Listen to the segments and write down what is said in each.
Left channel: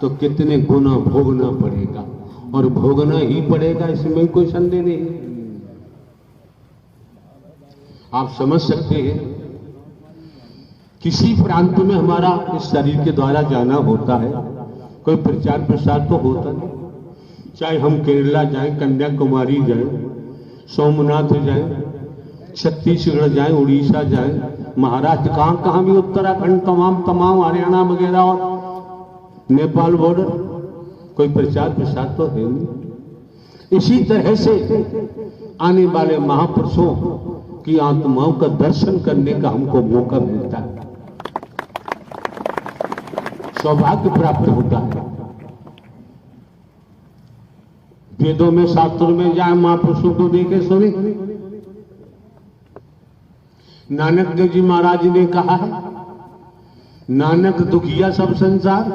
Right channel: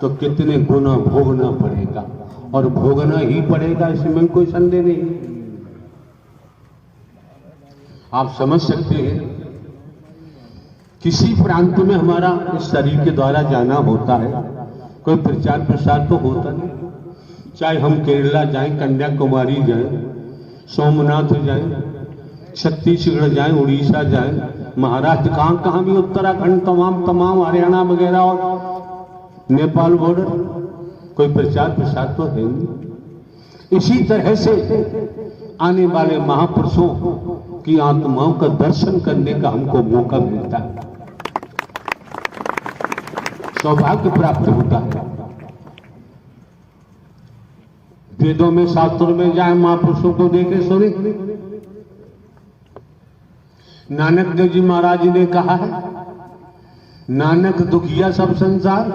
तो कितने गुना भोगना पड़ेगा, और भोगना ही पड़ेगा, इसमें कोई संदेह नहीं। आप समझ सकते हैं, किसी प्रांत में हमारा इस शरीर के द्वारा जाना होता है, कोई प्रचार प्रसार तो होता नहीं। चाहे हम केरला जाएं, कन्याकुमारी जाएं, सोमनाथ जाएं, छत्तीसगढ़ जाएं, उड़ीसा जाएं, महाराष्ट्र, कहां कहां भी, उत्तराखंड, तमाम हरियाणा वगैरह और नेपाल बॉर्डर, कोई प्रचार प्रसार तो है नहीं। इसी तरह से आने वाले महापुरुषों की आत्माओं का दर्शन करने का हमको मौका मिलता है, सौभाग्य प्राप्त होता है। वेदों में, शास्त्रों में जाए, महापुरुषों को देखे सुने। नानक देव जी महाराज जी ने कहा है, नानक दुखिया सब संसार,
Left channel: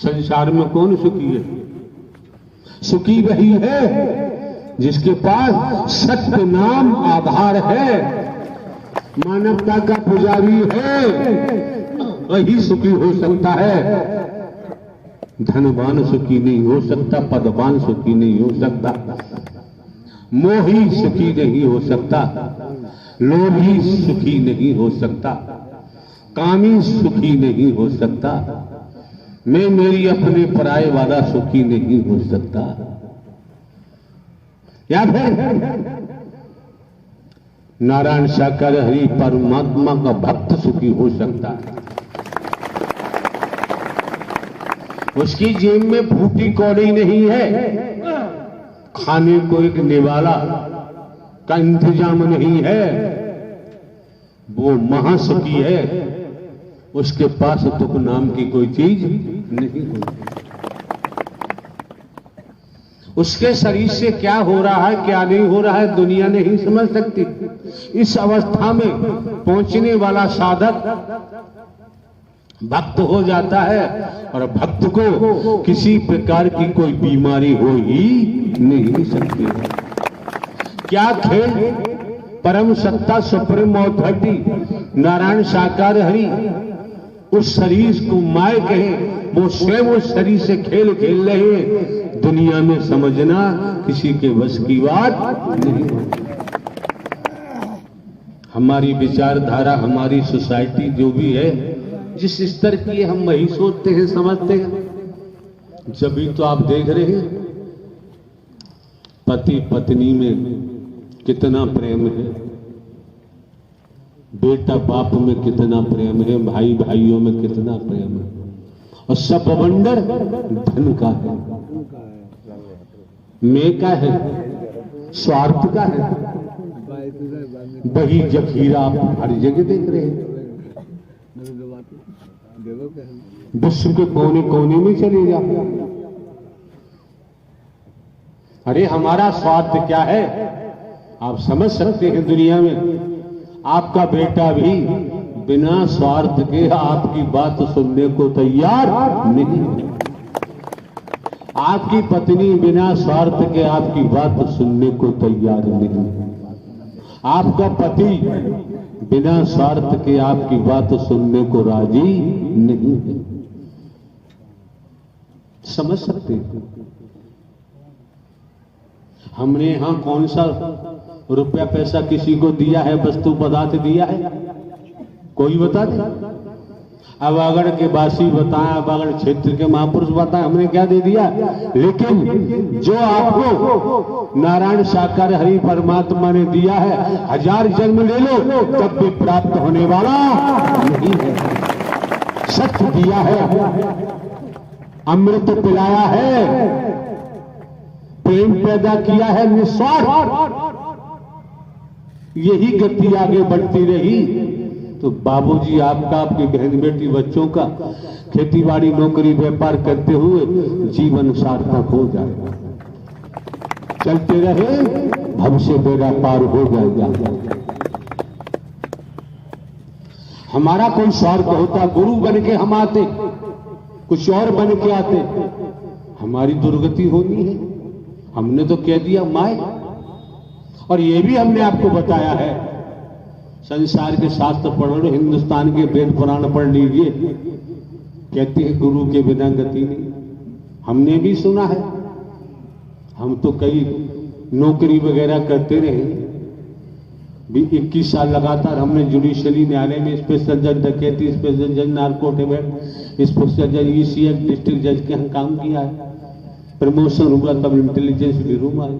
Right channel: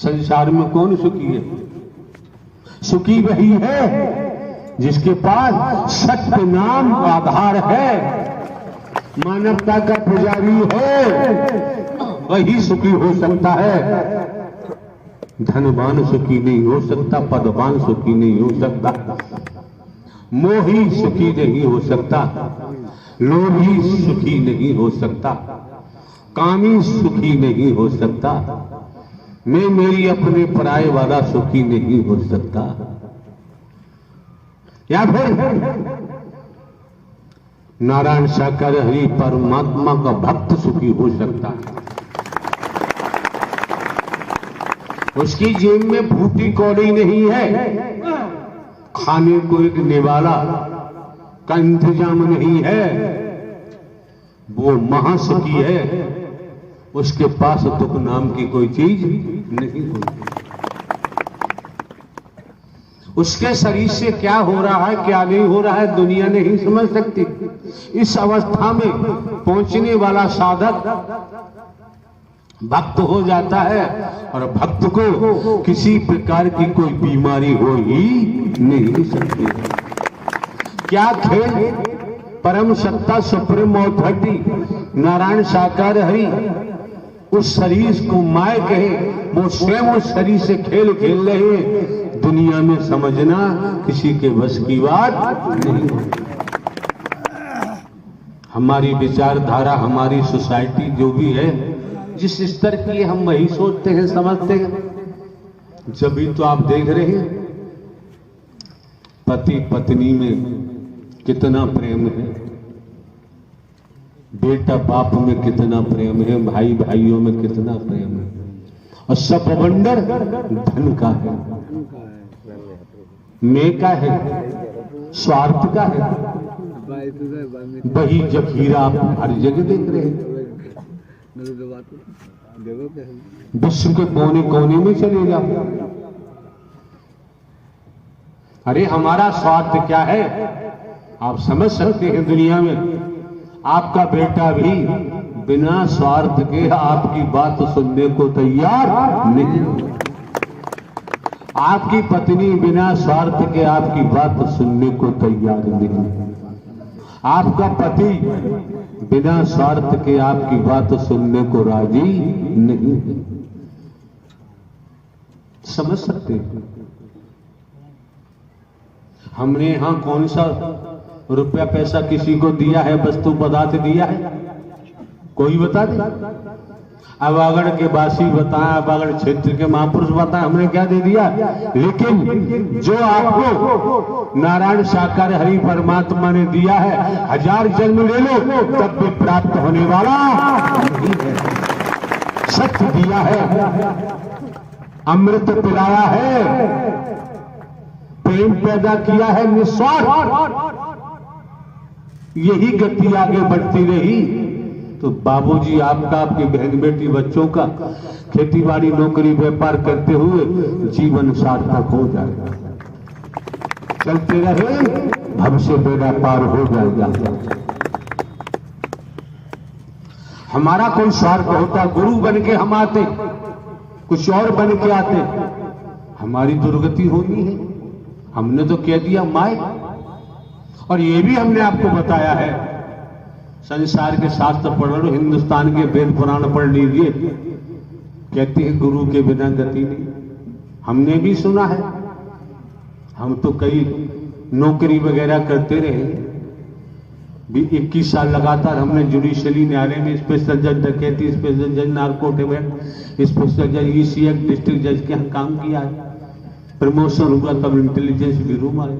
संसार में कौन सुखी है? सुखी वही है जिसके पास सत्य नाम आधार है, मानवता का पुजारी है, वही सुखी हो सकता है। धनवान सुखी नहीं हो सकता, पदवान सुखी नहीं हो सकता, मोही सुखी नहीं हो सकता, लोभी सुखी नहीं हो सकता, कामी सुखी नहीं हो सकता, मैं मेरी अपने पराये वाला सुखी नहीं हो सकता। या फिर नारायण साकार हरि परमात्मा का भक्त सुखी हो सकता है। उसकी जेब में फूटी कौड़ी नहीं है, खाने को एक निवाला का इंतजाम नहीं है, वो महासुखी है, उसके पास दुख नाम की कोई चीज नहीं होती। उसके शरीर से क्या हो रहा है, क्या नहीं हो रहा है, दुनिया नहीं समझ सकती। इस अवस्था में पहुंचने वाला साधक भक्त हो जाता है, और भक्त को किसी प्रकार की कोई बीमारी हो ही नहीं सकती। क्या खेल परम सत्ता सुप्रीम अथॉरिटी नारायण साकार हरि उस शरीर को माय कहे, वो स्वयं उस शरीर से खेल खेल रहे हैं, दुनिया में समझना किसी के बस की बात नहीं। हमारी विचारधारा, हमारी सोसाइटी जो भी है, जिस स्तर की हम वही सोचते हैं, समझते हैं। जब भी तो आप देख रहे हैं पति पत्नी में कितना प्रेम है, बेटा बाप में कितना प्रेम है, भाई भाइयों में कितना प्रेम है, और सब बवंडर धन का है, मैं का है, स्वार्थ का है। वही जखीरा आप हर जगह देख रहे हैं। विश्व के कोने कोने में चले जाओ, अरे हमारा स्वार्थ क्या है आप समझ सकते हैं। दुनिया में आपका बेटा भी बिना स्वार्थ के आपकी बात सुनने को तैयार नहीं, आपकी पत्नी बिना स्वार्थ के आपकी बात सुनने को तैयार नहीं, आपका पति बिना स्वार्थ के आपकी बात सुनने को राजी नहीं। समझ सकते हैं। हमने यहां कौन सा रुपया पैसा किसी को दिया है, वस्तु पदार्थ दिया है? कोई बता दे। अवागढ़ के वासी बताएं, अवागढ़ क्षेत्र के महापुरुष बताएं, हमने क्या दे दिया? लेकिन जो आपको नारायण साकार हरि परमात्मा ने दिया है, 1000 जन्म ले लो तब भी प्राप्त होने वाला नहीं है। सच दिया है, अमृत पिलाया है, प्रेम पैदा किया है, निस्वार्थ। यही गति आगे बढ़ती रही तो बाबूजी आपका, आपकी बहन बेटी बच्चों का खेतीबाड़ी नौकरी व्यापार करते हुए जीवन सार्थक हो जाएगा। चलते रहे, भविष्य बेड़ा पार हो जाएगा। हमारा कोई स्वार्थ होता, गुरु बन के हम आते, कुछ और बन के आते, हमारी दुर्गति होनी है। हमने तो कह दिया माय, और ये भी हमने आपको बताया है, संसार के शास्त्र पढ़ लो, हिंदुस्तान के वेद पुराण पढ़ लीजिए, कहते हैं गुरु के बिना गति नहीं। हमने भी सुना है, हम तो कई नौकरी वगैरह करते रहे भी। 21 साल लगातार हमने जुडिशरी न्यायालय में स्पेशल जज डकैती, स्पेशल जज नार्कोटिक, स्पेशल जज ईसी एक्ट, डिस्ट्रिक्ट जज के हम काम किया है। प्रमोशन हुआ तब इंटेलिजेंस ब्यूरो में आए,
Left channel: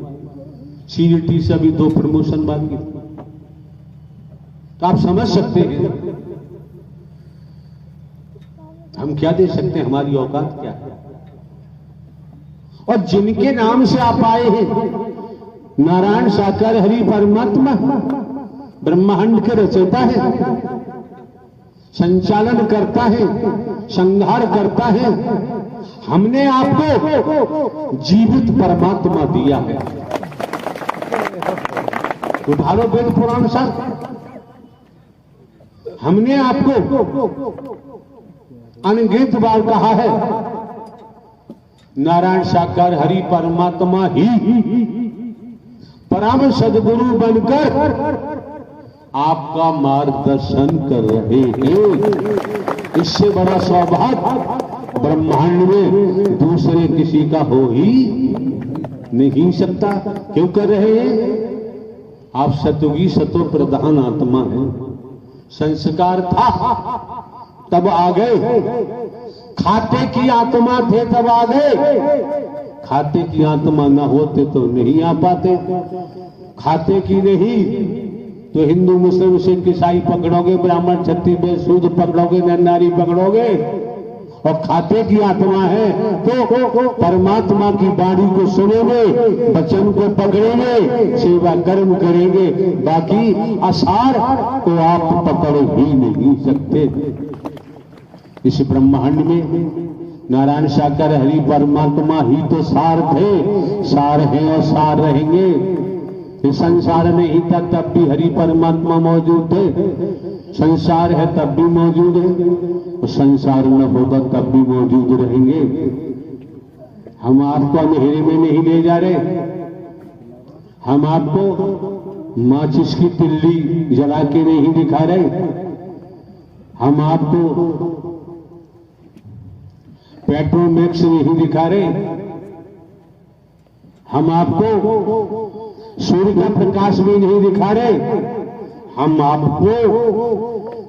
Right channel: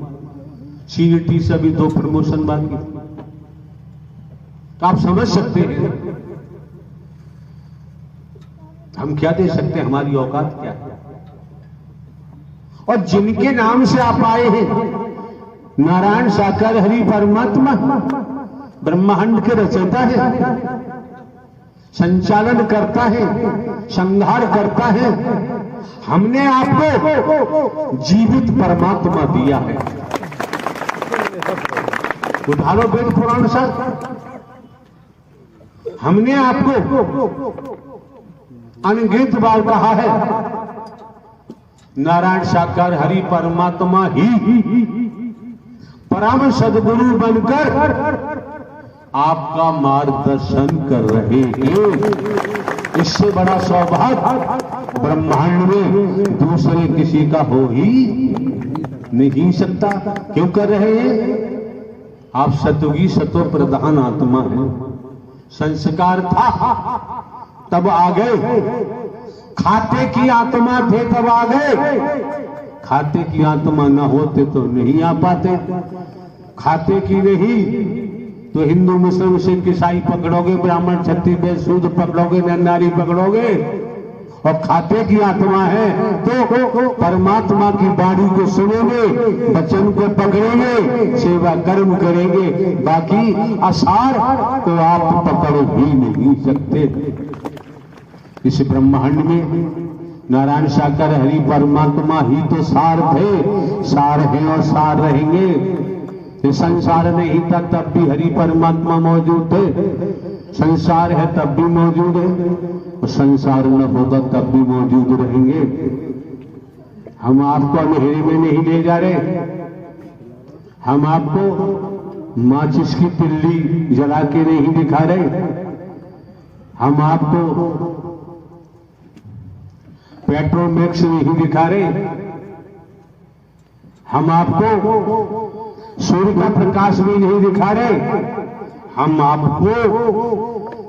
सीईटी से भी 2 प्रमोशन बाकी। तो आप समझ सकते हैं हम क्या दे सकते हैं, हमारी औकात क्या है। और जिनके नाम से आप आए हैं, नारायण साकार हरि परमात्मा ब्रह्मांड के रचयिता है, संचालन करता है, संहार करता है। हमने आपको जीवित परमात्मा दिया है। उधारो वेद पुराण सर, हमने आपको अनगिनत बार कहा है नारायण साकार हरि परमात्मा ही परम सद्गुरु बनकर आपका मार्गदर्शन कर रहे हैं। इससे बड़ा सौभाग्य ब्रह्मांड में दूसरे किसी का हो ही नहीं सकता। क्यों कर रहे हैं? आप सतोगी सतो प्रधान आत्मा है। संस्कार था तब आ गए, खाते की आत्मा थे तब आ गए। खाते की आत्मा न होते तो नहीं आ पाते। खाते की नहीं तो हिंदू मुस्लिम सिख ईसाई पकड़ोगे, ब्राह्मण क्षत्रिय वैश्य शूद्र पकड़ोगे, नर नारी पकड़ोगे। और खाते की आत्मा है तो परमात्मा की वाणी को सुनेंगे, वचन को पकड़ेंगे, सेवा कर्म करेंगे। बाकी असार तो आप पकड़ ही नहीं सकते। इस ब्रह्मांड में नारायण साकार हरि परमात्मा ही तो सार थे, सार हैं और सार रहेंगे। ये संसार नहीं था तब भी हरि परमात्मा मौजूद थे, संसार है तब भी मौजूद है, और संसार न होगा तब भी मौजूद रहेंगे। हम आपको अंधेरे में नहीं ले जा रहे, हम आपको माचिस की तिल्ली जला के नहीं दिखा रहे, हम आपको पेट्रोमैक्स नहीं दिखा रहे, हम आपको सूर्य का प्रकाश भी नहीं दिखा रहे। हम आपको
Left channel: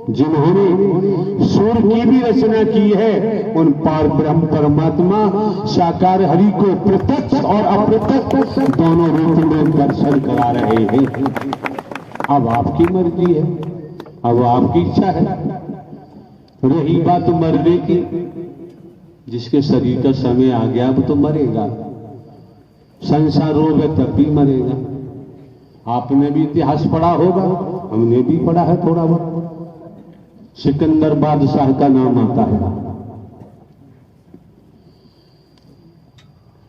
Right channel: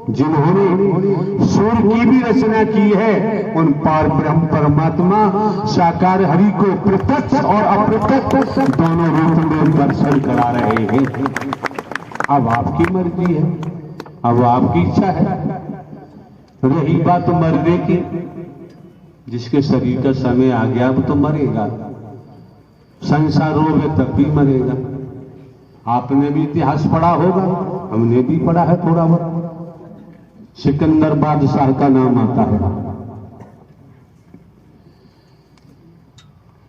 जिन्होंने सूर्य की भी रचना की है उन पार ब्रह्म परमात्मा साकार हरि को प्रत्यक्ष और अप्रत्यक्ष दोनों रूप में दर्शन करा रहे हैं। अब आपकी मर्जी है, अब आपकी इच्छा है। रही बात मरने की, जिसके शरीर का समय आ गया अब तो मरेगा। संसार रोग है तब भी मरेगा। आपने भी इतिहास पढ़ा होगा, हमने भी पढ़ा है थोड़ा बहुत। सिकंदर बादशाह का नाम आता है।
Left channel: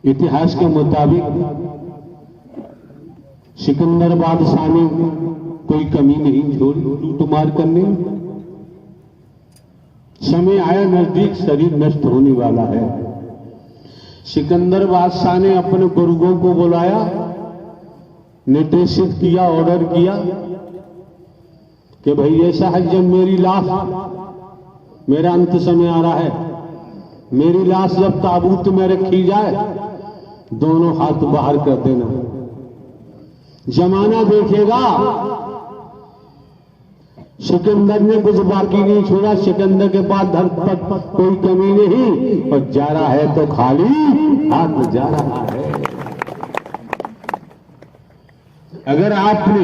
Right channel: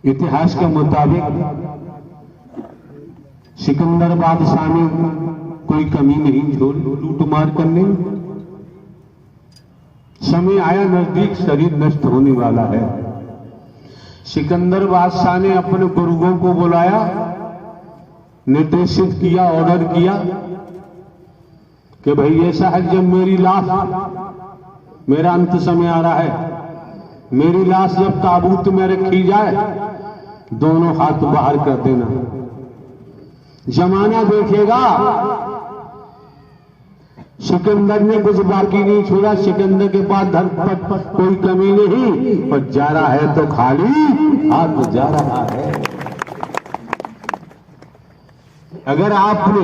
इतिहास के मुताबिक सिकंदर बादशाह ने कोई कमी नहीं छोड़ी लूटमार करने। समय आया नजदीक, शरीर नष्ट होने वाला है। सिकंदर बादशाह ने अपने गुरुओं को बुलाया, निर्देशित किया, ऑर्डर किया कि भाई ऐसा है जब मेरी लाश, मेरा अंत समय आ रहा है, मेरी लाश जब ताबूत में रखी जाए दोनों हाथ बाहर कर देना। जमाना देखेगा। सिकंदर ने कुछ बाकी नहीं छोड़ा। सिकंदर के पास धन पर कोई कमी नहीं, और जा रहा है तो खाली हाथ जा रहा है। अगर आपने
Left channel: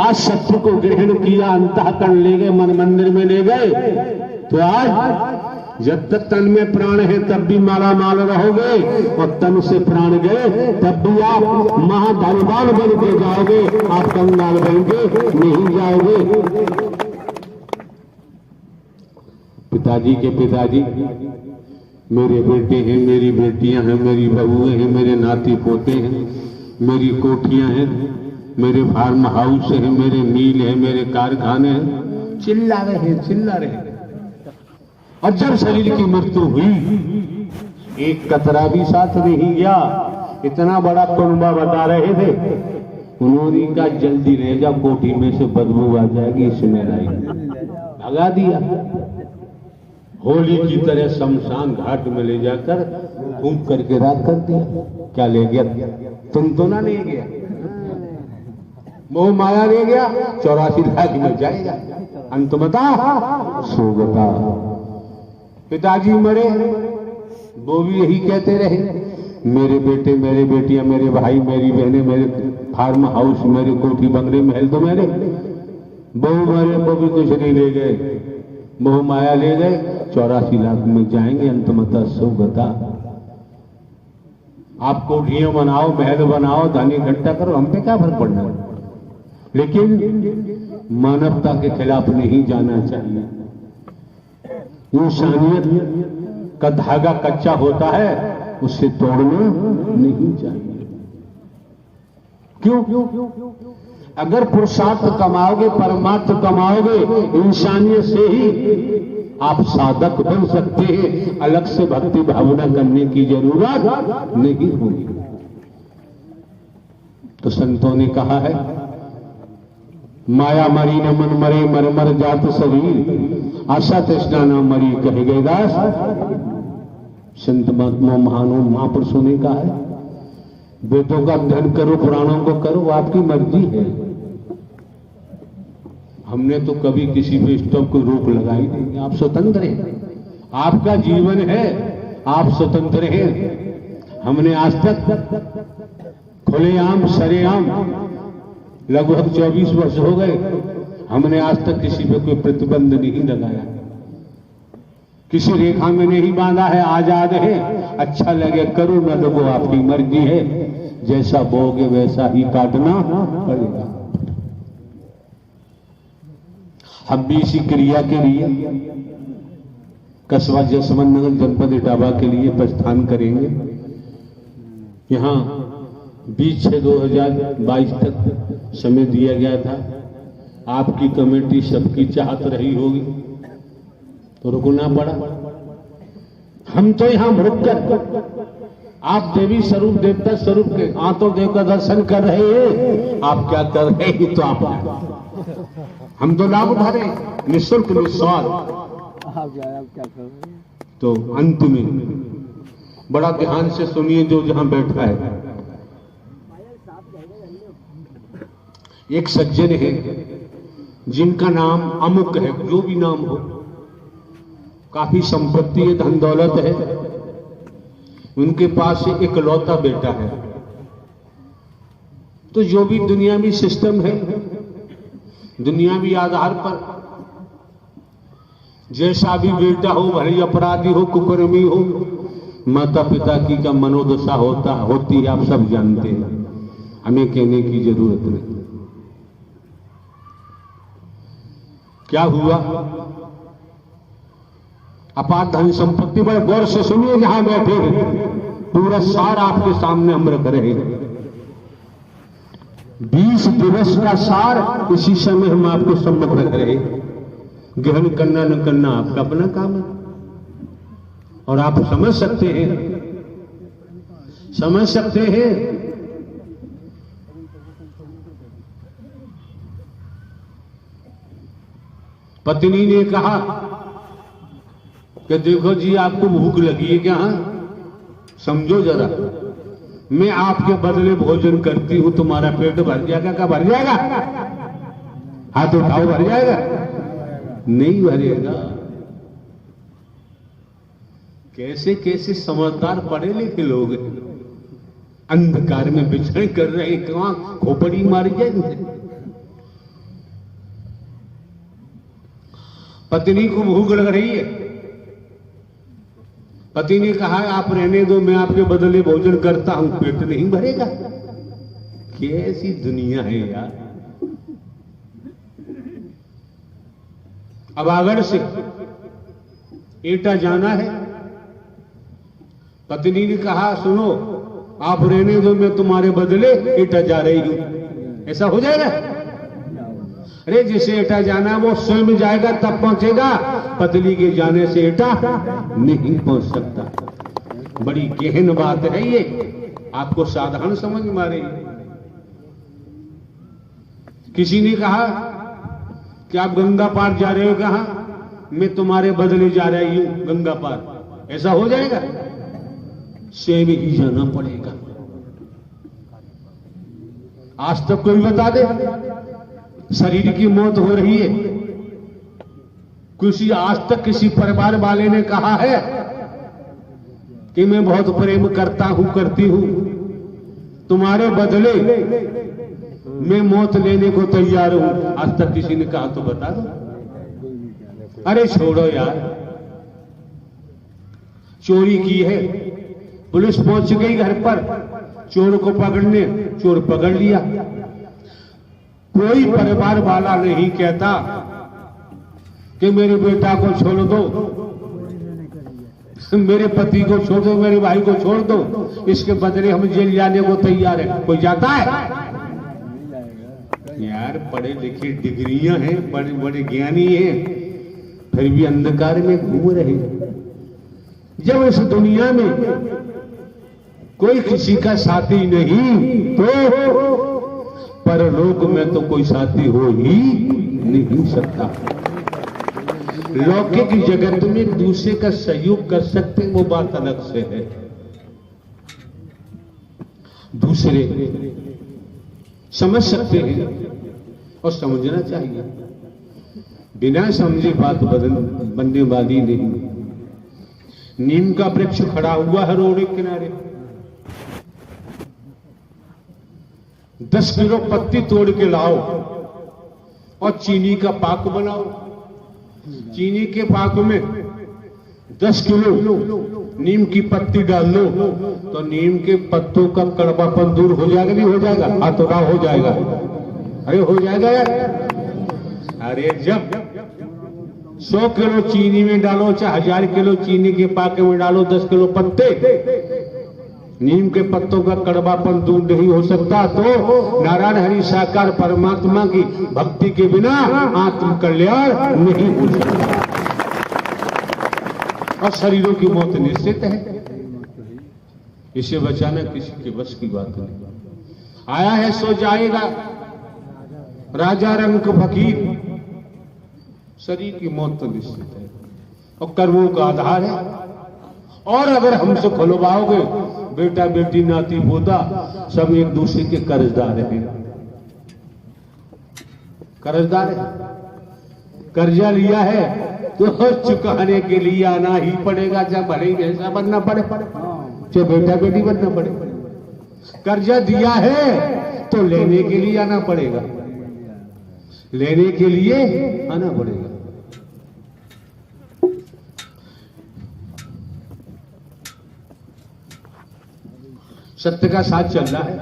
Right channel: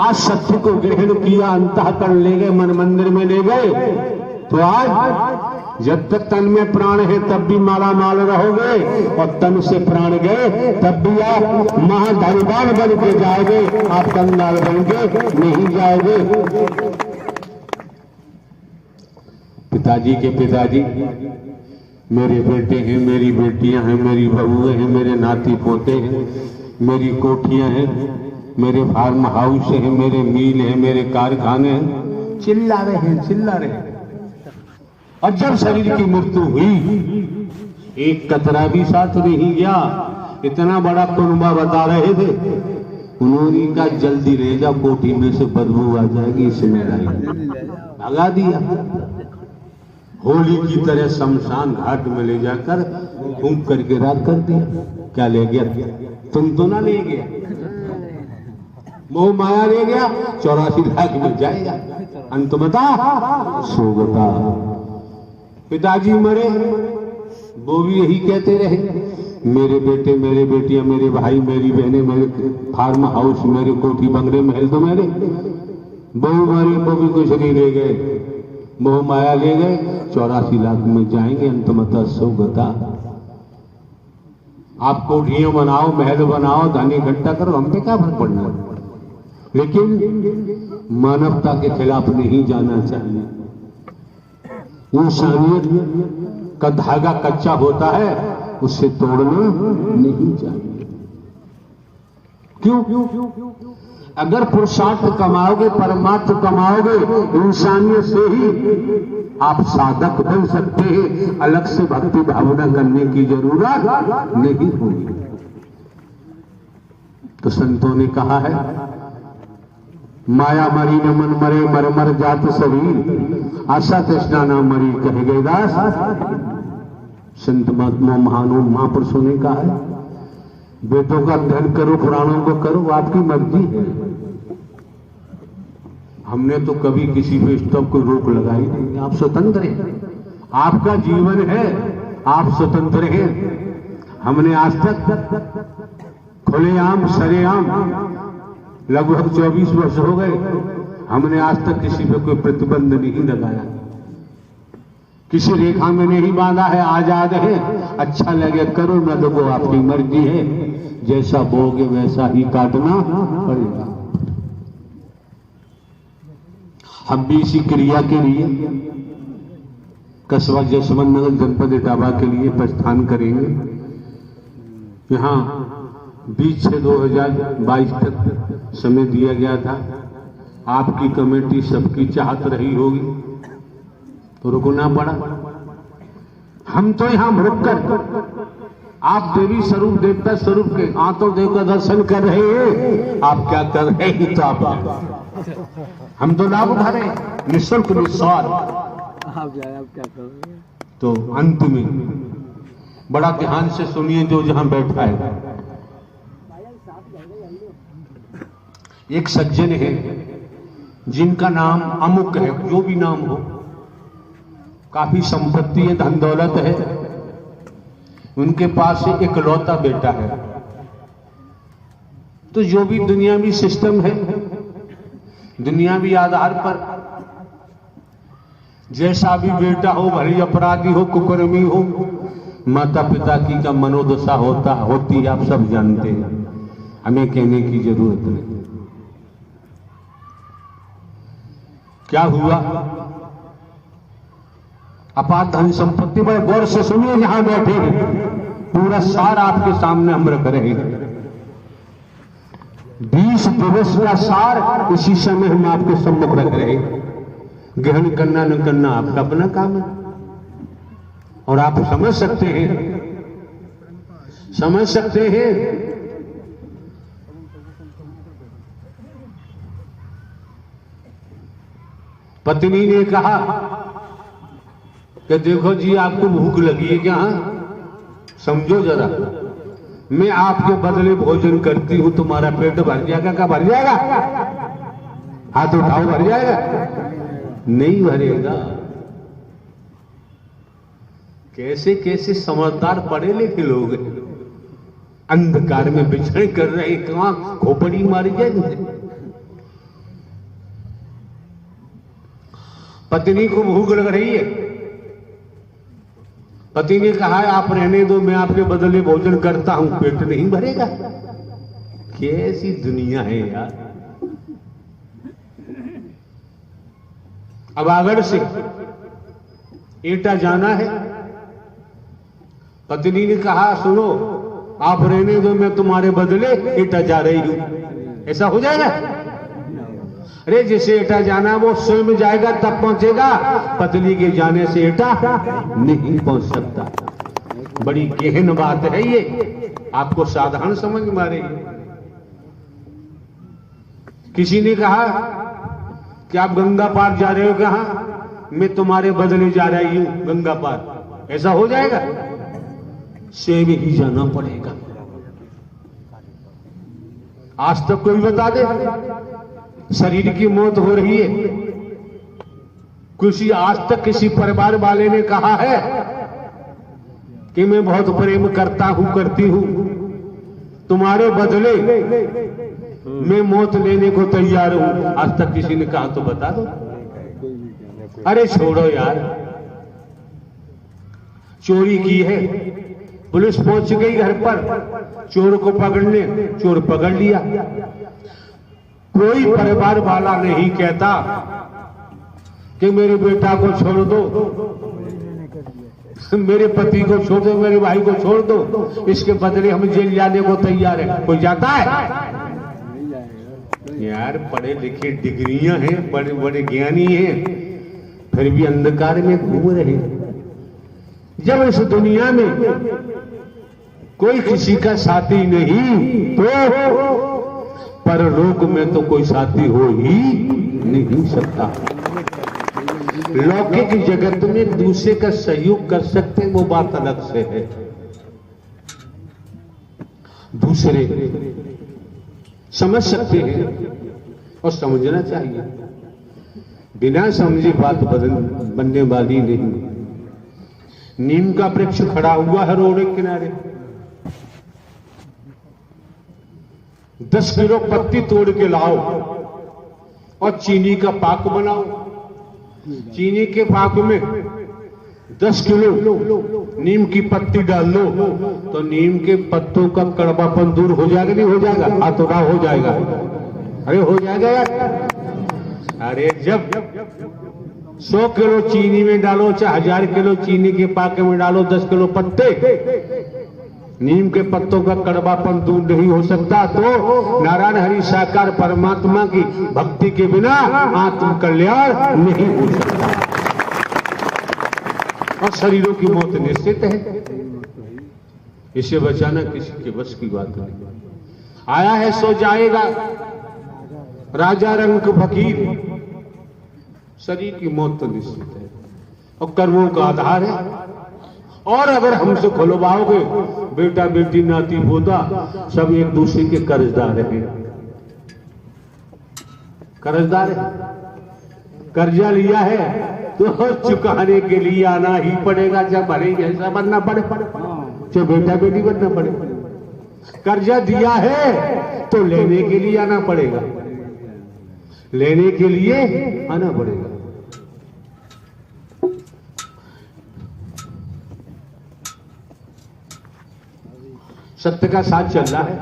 आज सत्य को ग्रहण किया, अंतःकरण ले गए, मन मंदिर में ले गए, तो आज जब तक तन में प्राण है तब भी माला माल रहोगे, और तन से प्राण गए तब भी आप महाधनवान बन के जाओगे। आप कंगाल बन के नहीं जाओगे। पिताजी के पिताजी मेरे बेटे हैं, मेरी बेटियां हैं, मेरी बहुएं हैं, मेरे नाती पोते हैं, मेरी कोठियां हैं, मेरे फार्म हाउस है, मेरे मील है, मेरे कारखाने हैं। चिल्ला रहे। और जब शरीर की मृत्यु हुई, एक कतरा भी साथ नहीं गया। इतना बड़ा कुनबा बता रहे थे, उन्होंने कहा जल्दी ले जा, कोठी में से बदबू आ जाएगी, इसमें भगा दिया। होली की तरह शमशान घाट में ले जाकर फूंक करके रात कर दिया। क्या ले गया? तुम तो ना ले गया, मोह माया ले गया। 84 लाख में जाएगा, अंत बता सो बता। पिताजी मरे, वो भी यही कहते रहे, मेरे बेटे, मेरे बेटियां, मेरे भाई, मेरी बहनें, मेरे फार्म हाउस, मेरे कोठी बंगले महल तो मेरे। बहू मरे, वो भी कुछ नहीं ले गए, मोह माया ले गए। 84 लाख में जाएंगे, अंतमतः सो बता। आप कोठियां बनाओ, महल बनाओ, धन इकट्ठा करो, हम पे क्या फर्क पड़ना है, लेकिन मानवता के खिलाफ नहीं जाना चाहिए। इंसानियत का धागा कच्चा होता है, उससे तोड़ना नहीं चाहिए। क्यों? अगर पुरुषार्थ कमाओगे, परमार्थ कमाओगे, इंसानियत से ही आप साधक बन सकते हैं। अलग से भक्ति भावना करने की जरूरत नहीं होगी। तो संतों ने कहा है, माया मरी न मन मरे, मर मर जात शरीर, आशा तृष्णा न मरी कहे गए दास। संत महात्मा महानों महापुरुषों ने कहा है, वेदों का अध्ययन करो, पुराणों को करो, आपकी मर्जी है। हमने तो कभी किसी पे स्टॉप को रोक लगाई नहीं। आप स्वतंत्र हैं, आपका जीवन है, आप स्वतंत्र हैं। हमने आज तक खुलेआम सरेआम लगभग 24 वर्ष हो गए, हमने आज तक किसी पे कोई प्रतिबंध नहीं लगाया, किसी रेखा में नहीं बांधा है। आजाद है, अच्छा लगे करो, न तो वो आपकी मर्जी है, जैसा बोगे वैसा ही काटना पड़ेगा। हम भी इसी क्रिया के लिए कस्बा जसवंत नगर जनपद इटावा के लिए प्रस्थान करेंगे। यहाँ 20/6/2022 तक समय दिया गया था। आपकी कमेटी सबकी चाहत रही होगी तो रुकना पड़ा। हम तो यहां रुककर आप देवी स्वरूप, देवता स्वरूप के आंतों देकर दर्शन कर रहे हैं। आप क्या कर रहे हैं? तो आप हम तो लाभ उठा रहे हैं, निःशुल्क निस्वार्थ। आप क्या कर रहे हैं? तो अंत में बड़ा ध्यान से सुनिए, जो जहां बैठा है। एक सज्जन है जिनका नाम अमुक है, जो भी नाम हो, काफी संपत्ति है, धन दौलत है, उनके पास एक लौता बेटा है। तो जो भी दुनियावी सिस्टम है, दुनियावी आधार पर जैसा भी बेटा हो, भले अपराधी हो, कुकर्मी हो, माता पिता की का मनोदशा होती है, आप सब जानते हैं, हमें कहने की जरूरत नहीं। क्या हुआ? अपार धन संपत्ति, बड़े गौर से सुनिए जहां बैठे हैं, पूरा सार आपके सामने हम रख रहे हैं। 20 दिवस का सार इसी समय हम आपको सम्मुख रख रहे हैं। ग्रहण करना न करना आपका अपना काम है, और आप समझ सकते हैं। पत्नी ने कहा कि देखो जी, आपको भूख लगी है क्या? समझो जरा, मैं आपके बदले भोजन करती हूं, तुम्हारा पेट भर जाएगा? क्या भर जाएगा? हाथ उठाओ, भर जाएगा? नहीं भरेगा। कैसे कैसे समझदार पढ़े लिखे लोग अंधकार में बिछड़े कर रहे, कहां खोपड़ी मारी जाएगी। पत्नी को भूख लग रही है, पति ने कहा है आप रहने दो, मैं आपके बदले भोजन करता हूं, पेट नहीं भरेगा। कैसी दुनिया है यार। अब आगरा से एटा जाना है, पत्नी ने कहा सुनो, आप रहने दो, मैं तुम्हारे बदले एटा जा रही हूं। ऐसा हो जाएगा? अरे जिसे एटा जाना है वो स्वयं जाएगा तब पहुंचेगा, पत्नी के जाने से एटा नहीं पहुंच सकता। बड़ी गहन बात है ये, आपको साधारण समझ में आ रही है। किसी ने कहा कि आप गंगा पार जा रहे हो, कहा मैं तुम्हारे बदले जा रही हूं गंगा पार, ऐसा हो जाएगा? स्वयं ही जाना पड़ेगा। आज तक कोई बता दे शरीर की मौत हो रही है, किसी आज तक किसी परिवार वाले ने कहा है कि मैं बहुत प्रेम करता हूं, करती हूं, तुम्हारे बदले मैं मौत लेने को तैयार हूं? आज तक किसी ने कहा तो बता दो। अरे छोड़ो यार, चोरी की है, पुलिस पहुंच गई घर पर चोर को पकड़ने, चोर पकड़ लिया। कोई परिवार वाला नहीं कहता कि मेरे बेटा को छोड़ दो, मेरे पति को छोड़ दो, मेरे भाई को छोड़ दो, इसके बदले हम जेल जाने को तैयार है। कोई जाता है? यार पढ़े लिखे डिग्रियां हैं, बड़े बड़े ज्ञानी हैं, फिर भी अंधकार में घूम रहे। जब इस दुनिया में कोई किसी का साथी नहीं तो परलोक में तो कोई साथी हो ही नहीं सकता। लौकिक जगत में दूसरे का सहयोग कर सकते हैं, वो बात अलग से है। दूसरे समझ सकते हैं और समझना चाहिए, बिना समझे बात बनने वाली नहीं। नीम का वृक्ष खड़ा हुआ है रोड के किनारे, 10 किलो पत्ती तोड़ के लाओ और चीनी का पाक बनाओ। चीनी के पाक में 10 किलो नीम की पत्ती डाल दो तो नीम के पत्तों का कड़वापन दूर हो जाएगा, नहीं हो जाएगा? हाथों का हो जाएगा। अरे हो जाएगा यार। अरे जब 100 किलो चीनी में डालो, चाहे 1000 किलो चीनी के पाक में डालो, 10 किलो पत्ते, नीम के पत्तों का कड़वापन दूर नहीं हो सकता, तो नारायण हरि साकार परमात्मा की भक्ति के बिना आत्म कल्याण नहीं हो सकता। और शरीरों की मौत निश्चित है, इसे बचाना किसी के बस की बात नहीं। आया है सो जाएगा, राजा रंग फकीर। शरीर की मौत तो निश्चित है और कर्मों का आधार है। और अगर हमसे खुलवाओगे, बेटा बेटी नाती पोता सब एक दूसरे के कर्जदार है। कर्जदार है, कर्जा लिया है तो चुकाने के लिए आना ही पड़ेगा, चाहे भले जैसा बनना पड़े, चाहे बेटा बेटी बनना पड़े। कर्जा दिया है तो लेने के लिए आना पड़ेगा, लेने के लिए आना पड़ेगा। सत्य का साथ चल रहा है।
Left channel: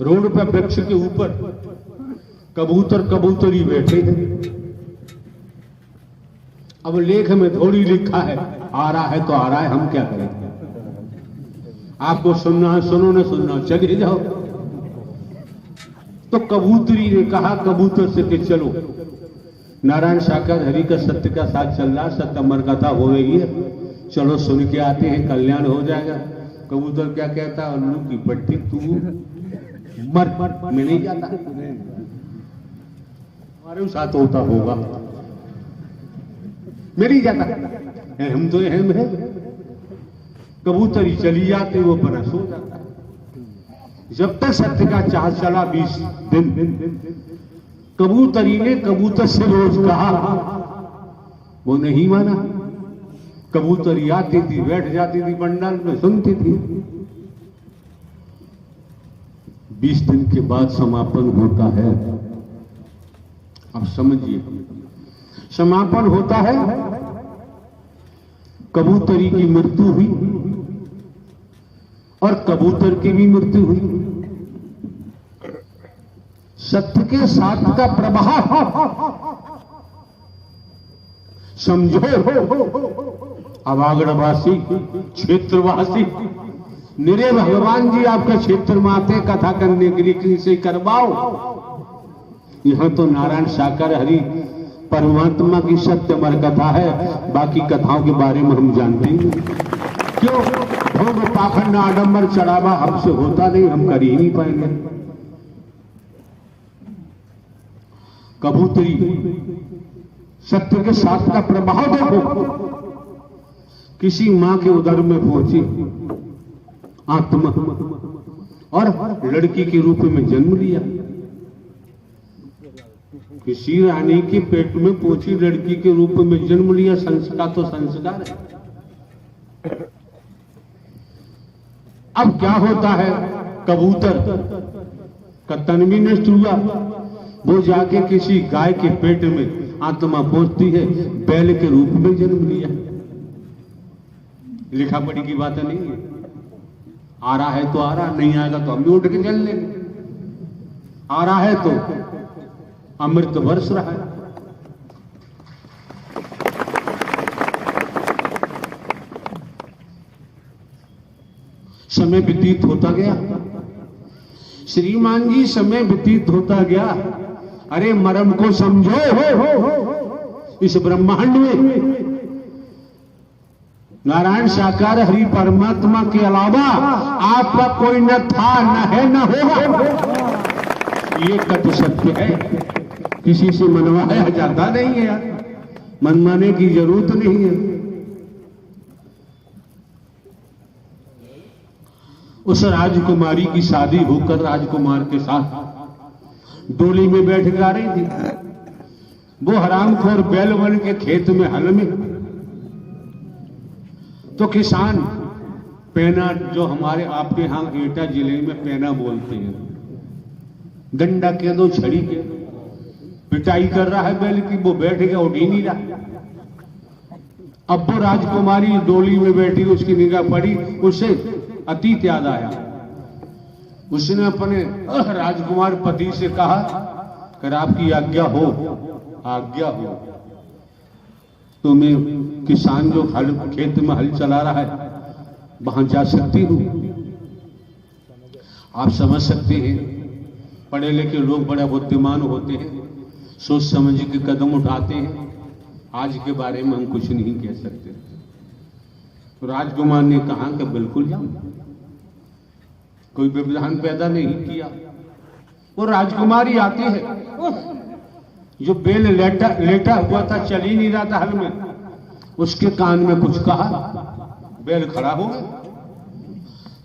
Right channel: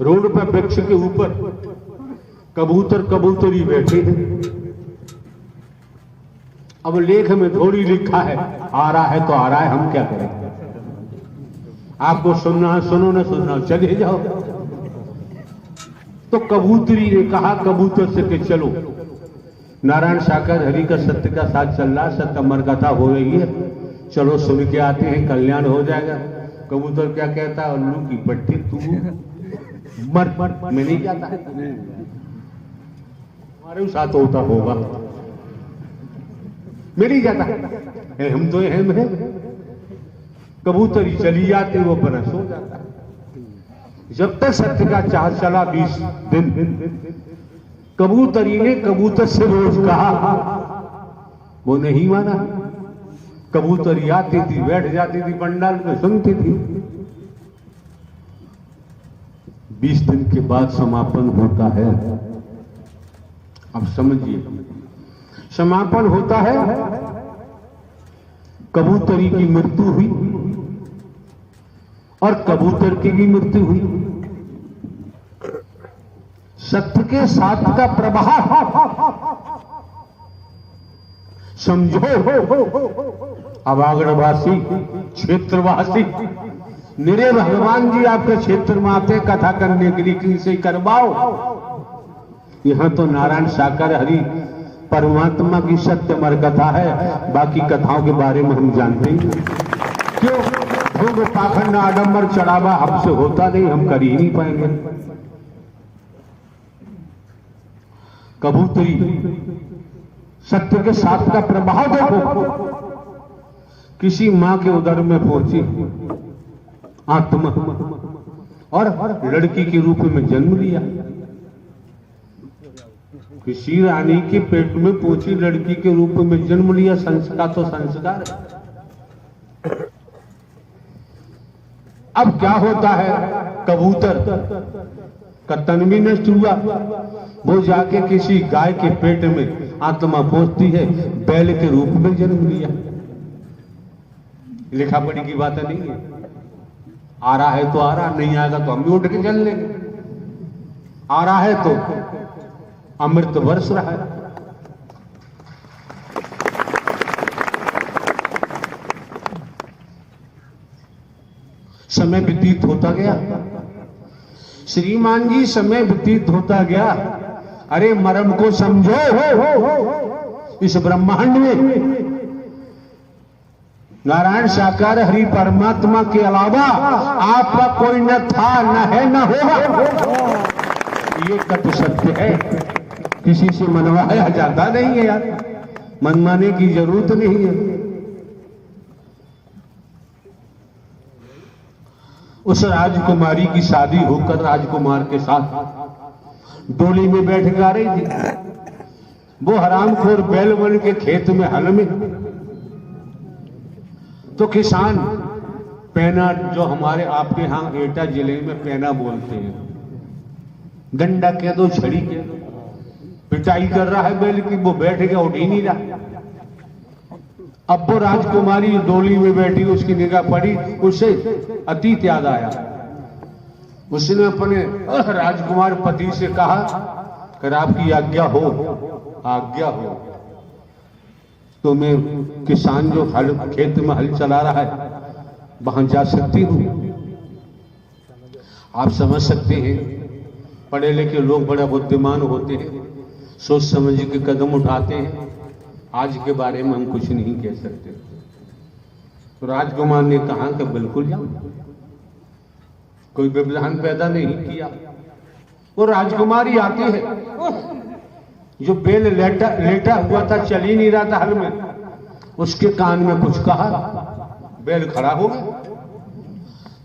रोड पर वृक्ष के ऊपर कबूतर कबूतरी बैठे हैं। अब लेख में थोड़ी लिखा है, आ रहा है तो आ रहा है, हम क्या करें? आपको सुनना है सुनो, ना सुनना चले जाओ। तो कबूतरी ने कहा कबूतर से कि चलो, नारायण साकार हरि का सत्य का साथ चल रहा, सत्य अमर कथा हो रही है, चलो सुन के आते हैं, कल्याण हो जाएगा। कबूतर क्या कहता है? उल्लू की पट्टी, तू मर, मैं नहीं जाता, हमारे साथ होता होगा, मैं नहीं जाता, हम तो अहम है। कबूतरी चली जाती, वो बरस हो जाता है। जब तक सत्य का चाल चला 20 दिन, कबूतरी ने कबूतर से रोज कहा, वो नहीं माना। कबूतरी आती थी, बैठ जाती थी पंडाल में, सुनती थी। 20 दिन के बाद समापन होता है। अब समझिए, समापन होता है, कबूतरी की मृत्यु हुई और कबूतर की भी मृत्यु हुई। सत्य के साथ का प्रवाह समझो। अवागढ़वासी, क्षेत्रवासी, मेरे भगवान जी आपके क्षेत्र में आते कथा करने के लिए, किनसे करवाओ? यहां तो नारायण साकार हरि परमात्मा की सत्यमर कथा है, बाकी कथाओं के बारे में हम जानते ही नहीं। क्यों? भोग पाखंड आडंबर चढ़ावा हमसे होता नहीं, हम कर ही नहीं पाएंगे। कबूतरी सत्य के साथ का प्रभाव देखो। किसी मां के उदर में पहुंची आत्मा और लड़की के रूप में जन्म लिया। किसी रानी के पेट में पहुंची लड़की के रूप में जन्म लिया। संस्कार तो संस्कार है। अब क्या होता है, कबूतर का तन भी नष्ट हुआ, वो जाके किसी गाय के पेट में आत्मा पहुंचती है, बैल के रूप में जन्म लिया। लिखा पढ़ी की बात नहीं है। आ रहा है तो आ रहा, नहीं आएगा तो हम भी उठ के चल लेंगे। आ रहा है तो अमृत वर्ष रहा है। समय व्यतीत होता गया श्रीमान जी, समय व्यतीत होता गया। अरे मरण को समझो, इस ब्रह्मांड में नारायण साकार हरि परमात्मा के अलावा आपका कोई न था, न है, न होगा। ये तत्व सत्य है, किसी से मनवाया जाता नहीं है यार, मनवाने की जरूरत नहीं है। उस राजकुमारी की शादी होकर राजकुमार के साथ डोली में बैठ के आ रही थी। वो हरामखोर बैल बन के खेत में हल में, तो किसान पैना, जो हमारे आपके यहां एटा जिले में पैना बोलते हैं, डंडा कह दो, छड़ी के, पिटाई कर रहा है बैल की। वो बैठ गया, उठ ही नहीं रहा। अब वो राजकुमारी डोली में बैठी, उसकी निगाह पड़ी, उसे अतीत याद आया। उसने अपने राजकुमार पति से कहा कि आपकी आज्ञा हो, आज्ञा हो तो मैं किसान जो हल खेत में हल चला रहा है वहां जा सकती हूं। आप समझ सकते हैं, पढ़े लिखे लोग बड़ा बुद्धिमान होते हैं, सोच समझ के कदम उठाते हैं। आज के बारे में हम कुछ नहीं कह सकते। तो राजकुमार ने कहा कि बिल्कुल जाओ, कोई व्यवधान पैदा नहीं किया। वो राजकुमारी आती है, जो बेल लेटा हुआ था, चल ही नहीं रहा था हल में, उसके कान में कुछ कहा, बैल खड़ा हो गया।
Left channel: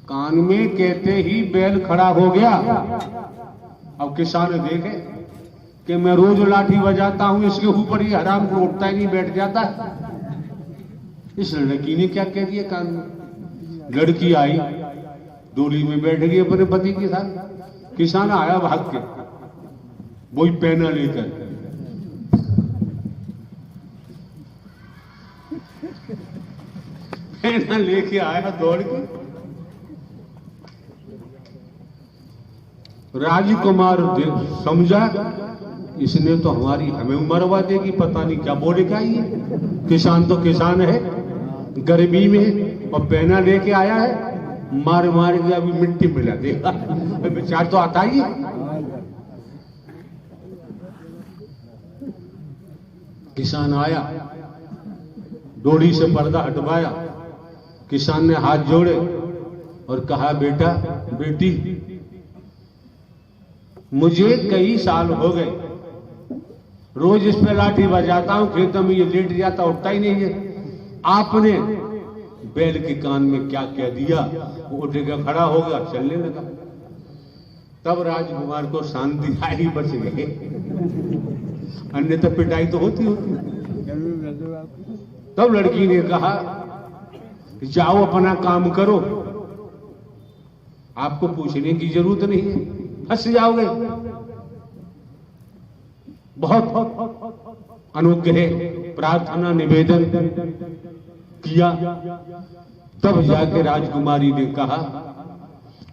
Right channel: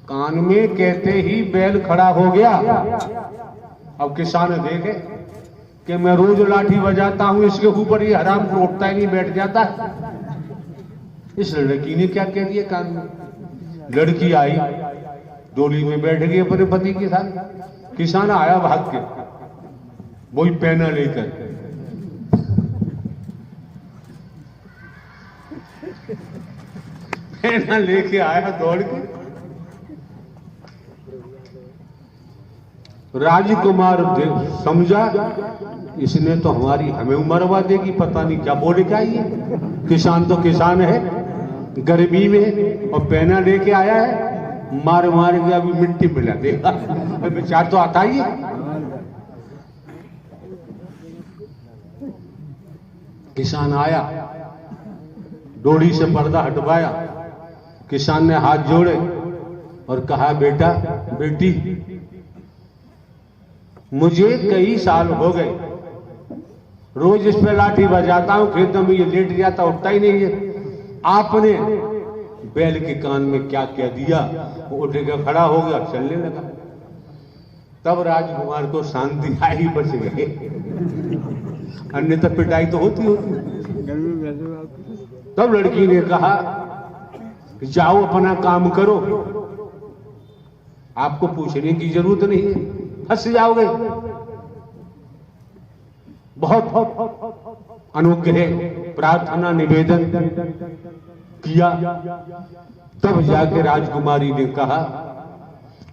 कान में कहते ही बैल खड़ा हो गया। अब किसान देखे कि मैं रोज लाठी बजाता हूं, इसके ऊपर ये हराम को उठता ही नहीं, बैठ जाता है। इस लड़की ने क्या कह दिया कान में। लड़की आई, डोली में बैठ गई अपने पति के साथ। किसान आया भाग के, वही पैना लेकर, पैना लेके आया दौड़ के। राजकुमार समझा इसने तो हमें मरवा देगी, पता नहीं क्या बोलेगा ये। किसान तो किसान है, गर्मी में, और पैना लेके आया है, मार मार के अभी मिट्टी मिला देगा। विचार तो आता ही है। किसान आया, डोरी से पर्दा हटवाया। किसान ने हाथ जोड़े और कहा, बेटा बेटी, मुझे कई साल हो गए, रोज इस पे लाठी बजाता हूं, खेत में ये लेट जाता, उठता ही नहीं है। आपने बैल के कान में क्या कह दिया, वो उठ के खड़ा हो गया, चलने लगा। तब राजकुमार को शांति आई, बच गए, अन्यथा पिटाई तो होती होती। तब लड़की ने कहा, जाओ अपना काम करो, आपको पूछने की जरूरत नहीं है, फंस जाओगे। बहुत अनुग्रह, प्रार्थना, निवेदन किया। तब जाके राजकुमारी ने कहा,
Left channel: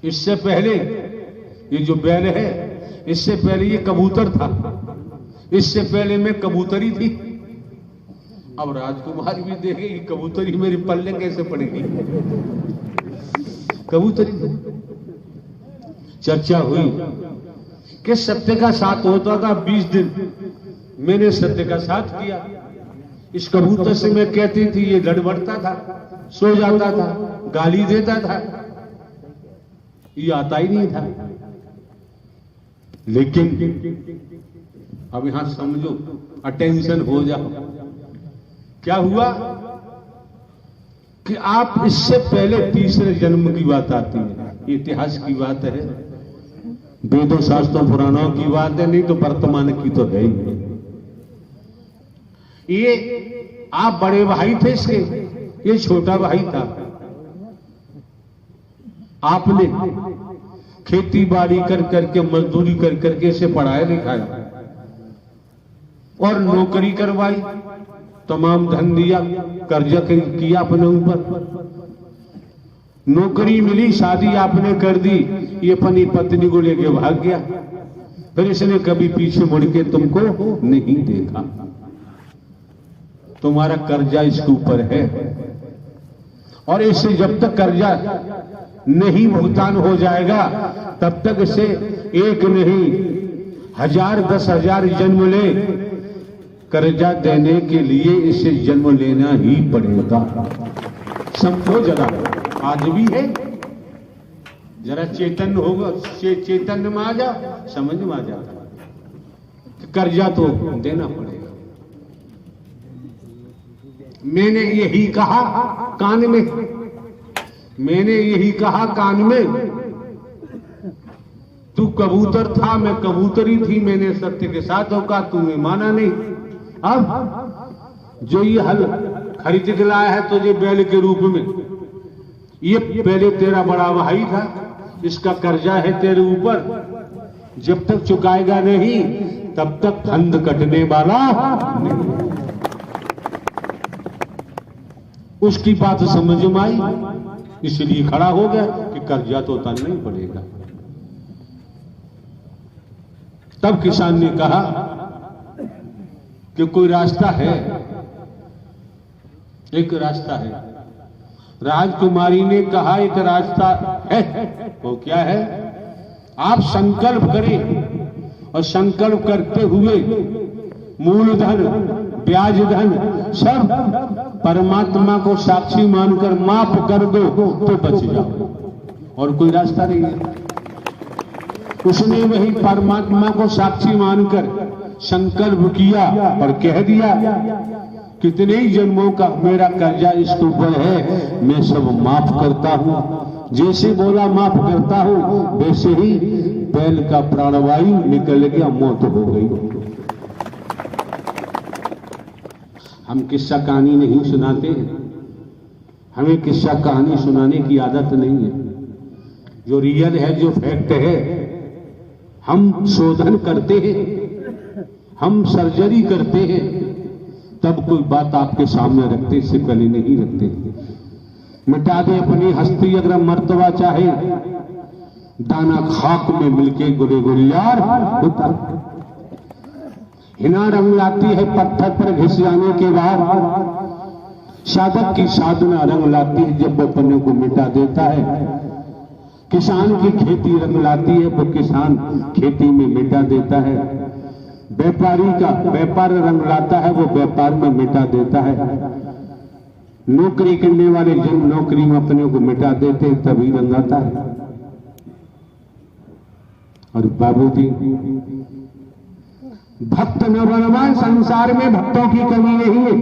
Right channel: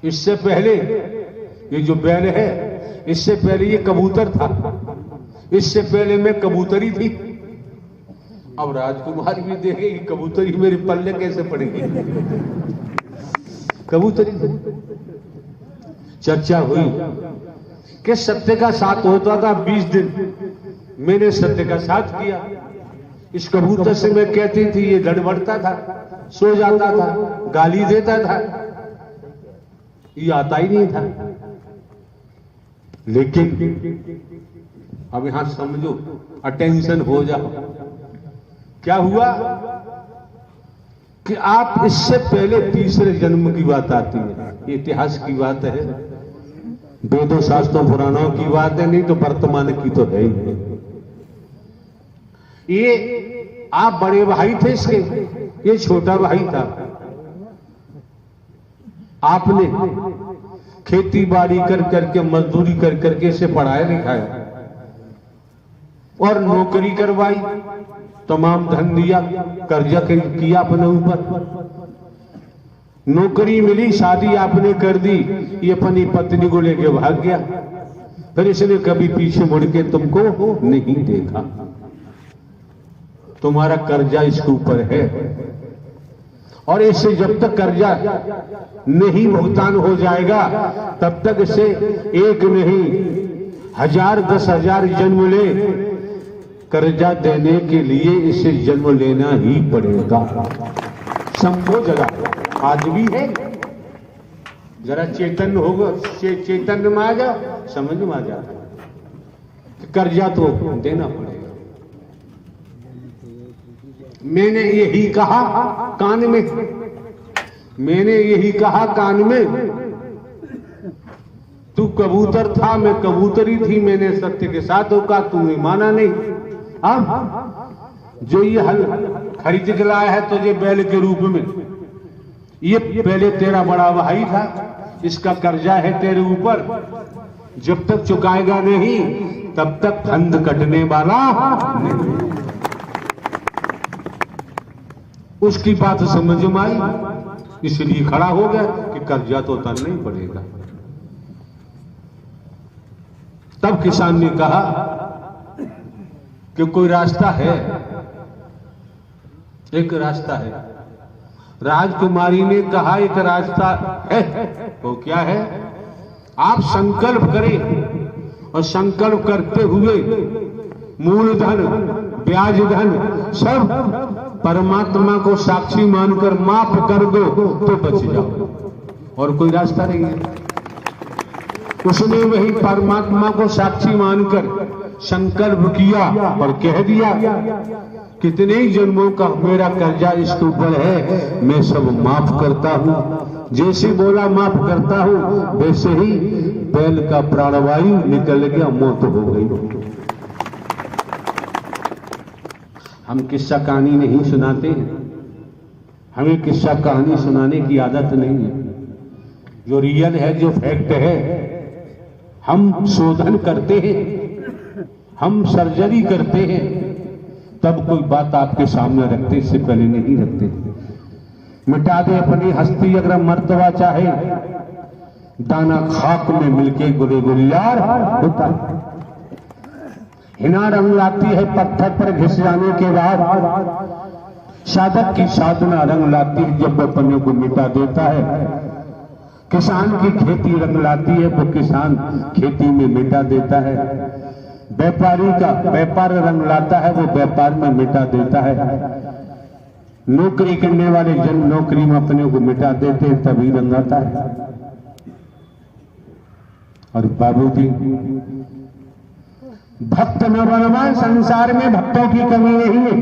इससे पहले ये जो बैल है, इससे पहले ये कबूतर था, इससे पहले मैं कबूतरी थी। अब राजकुमार भी देखे कि कबूतरी मेरी पल्ले कैसे पड़ेगी। कबूतरी चर्चा हुई कि सत्य का साथ होता था 20 दिन। मैंने सत्य का साथ किया। इस कबूतर से मैं कहती थी, ये गड़बड़ता था, सो जाता था, गाली देता था, ये आता ही नहीं था। लेकिन अब यहां समझो, अटेंशन हो जाओ। क्या हुआ कि आप इससे पहले तीसरे जन्म की बात आती है, इतिहास की बात है, वेदों शास्त्रों पुराणों की बात है, नहीं तो वर्तमान की तो है ही। ये आप बड़े भाई थे इसके, ये छोटा भाई था। आपने खेती बाड़ी कर करके, मजदूरी कर करके इसे पढ़ाया लिखाया और नौकरी करवाई, तमाम धन दिया, कर्जा किया अपने ऊपर, नौकरी मिली, शादी आपने कर दी, ये अपनी पत्नी को लेके भाग गया, फिर इसने कभी पीछे मुड़ के तुमको नहीं देखा। तुम्हारा कर्जा इसके ऊपर है और इससे जब तक कर्जा नहीं भुगतान हो जाएगा तब तक इसे एक नहीं 1000 10,000 जन्म ले, कर्जा देने के लिए इसे जन्म लेना ही पड़ेगा। समझो जरा, आज भी है, जरा चेतन होगा, चेतन में आ जाओ, समझ में आ जाता, कर्जा तो देना पड़ेगा। मैंने यही कहा कान में, मैंने यही कहा कान में, तू कबूतर था, मैं कबूतरी थी, मैंने सत्य के साथ होगा, तूने माना नहीं। अब जो ये हल खरीद के लाया है तुझे बैल के रूप में, ये पहले तेरा बड़ा भाई था, इसका कर्जा है तेरे ऊपर, जब तक चुकाएगा नहीं तब तक फंद कटने वाला नहीं। उसकी बात समझ में आई, इसलिए खड़ा हो गया कि कर्जा तो उतारना ही पड़ेगा। तब किसान ने कहा कि कोई रास्ता है, एक रास्ता है। राजकुमारी ने कहा एक रास्ता है, वो क्या है? आप संकल्प करें और संकल्प करते हुए मूलधन, ब्याज धन सब परमात्मा को साक्षी मानकर माफ कर दो तो बच जाओ, और कोई रास्ता नहीं है। उसने वही परमात्मा को साक्षी मानकर संकल्प किया और कह दिया, कितने ही जन्मों का मेरा कर्जा इसके ऊपर है, मैं सब माफ करता हूं। जैसे बोला माफ करता हूं, वैसे ही बैल का प्राणवायु निकल गया, मौत हो गई। हम किस्सा कहानी नहीं सुनाते हैं, हमें किस्सा कहानी सुनाने की आदत नहीं है। जो रियल है, जो फैक्ट है, हम शोधन करते हैं, हम सर्जरी करते हैं, तब कोई बात आपके सामने रखते, इससे पहले नहीं रखते। मिटा दे अपनी हस्ती अगर मर्तबा चाहे, दाना खाक में मिलके गुले गुलियार होता है। हिना रंग लाती है पत्थर पर घिस जाने के बाद, साधक की साधना रंग लाती है जब अपने को मिटा देता है। किसान की खेती रंग लाती है, वो किसान खेती में मिटा देता है। व्यापारी का व्यापार रंग लाता है, वो व्यापार में मिटा देता है। नौकरी करने वाले जन नौकरी में अपने को मिटा देते हैं, तभी रंग आता है। और बाबूजी, भक्त न बनवा, संसार में भक्तों की कमी नहीं है।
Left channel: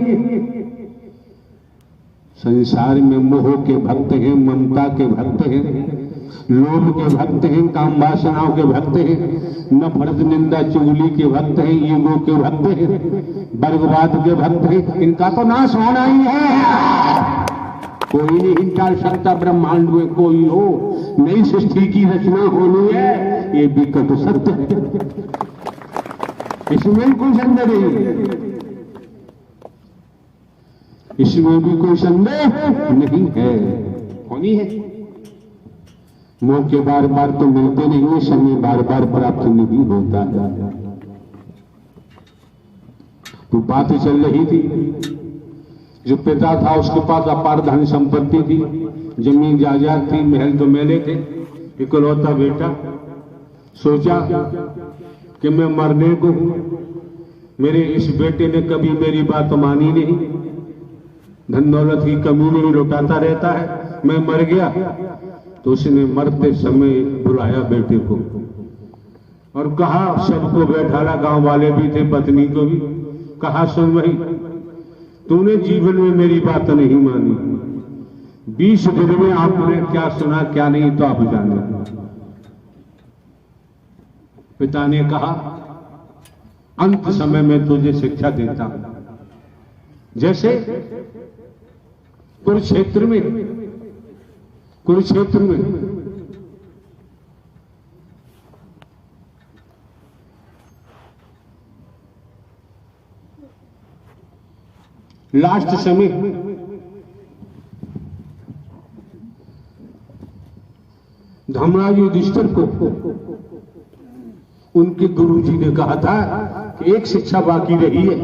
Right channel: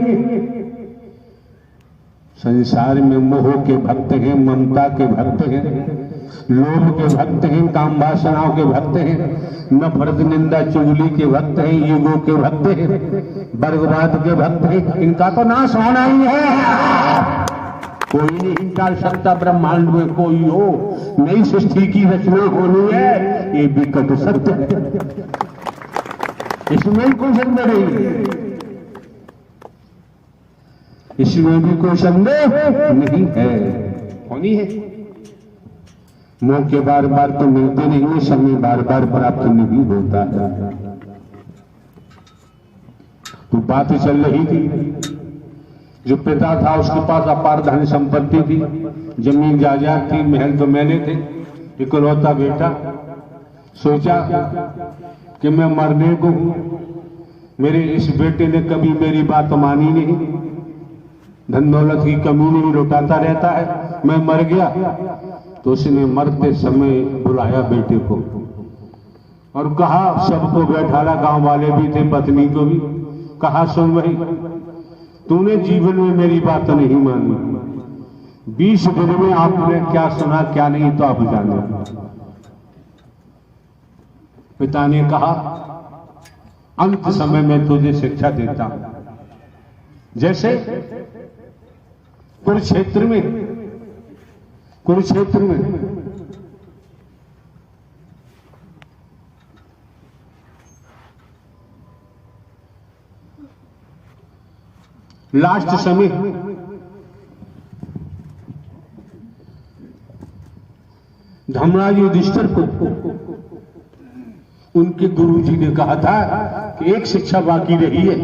संसार में मोह के भक्त हैं, ममता के भक्त हैं, लोभ के भक्त हैं, काम वासनाओं के भक्त हैं, नफरत निंदा चुगली के भक्त हैं, ईगो के भक्त हैं, वर्गवाद के भक्त हैं। इनका तो नाश होना ही है, कोई नहीं इनका सकता। ब्रह्मांड में कोई हो, नई सृष्टि की रचना होनी है, ये विकट सत्य है, इसमें कोई संदेह नहीं, इसमें भी कोई संदेह नहीं है, होनी है। मौके बार बार तो मिलते नहीं है, समय बार बार प्राप्त नहीं होता है। तो बात चल रही थी, जो पिता था उसके पास अपार धन संपत्ति थी, जमीन जायदाद थी, महल तो महले थे, इकलौता बेटा। सोचा कि मैं मरने को हूं, मेरे इस बेटे ने कभी मेरी बात मानी नहीं, धन दौलत की कमी नहीं, लौटाता रहता है, मैं मर गया। तो उसने मरते समय बुलाया बेटे को और कहा, सबको बैठाला, गांव वाले भी थे, पत्नी को भी कहा, सुन भाई, तूने जीवन में मेरी बात नहीं मानी, 20 दिन में आपने क्या सुना क्या नहीं तो आप जाने। पिता ने कहा, अंत समय में तुझे शिक्षा देता हूं। जैसे कुरुक्षेत्र में लास्ट समय धर्मराज युधिष्ठिर को उनके गुरुजी ने कहा था कि एक शिक्षा बाकी रही है,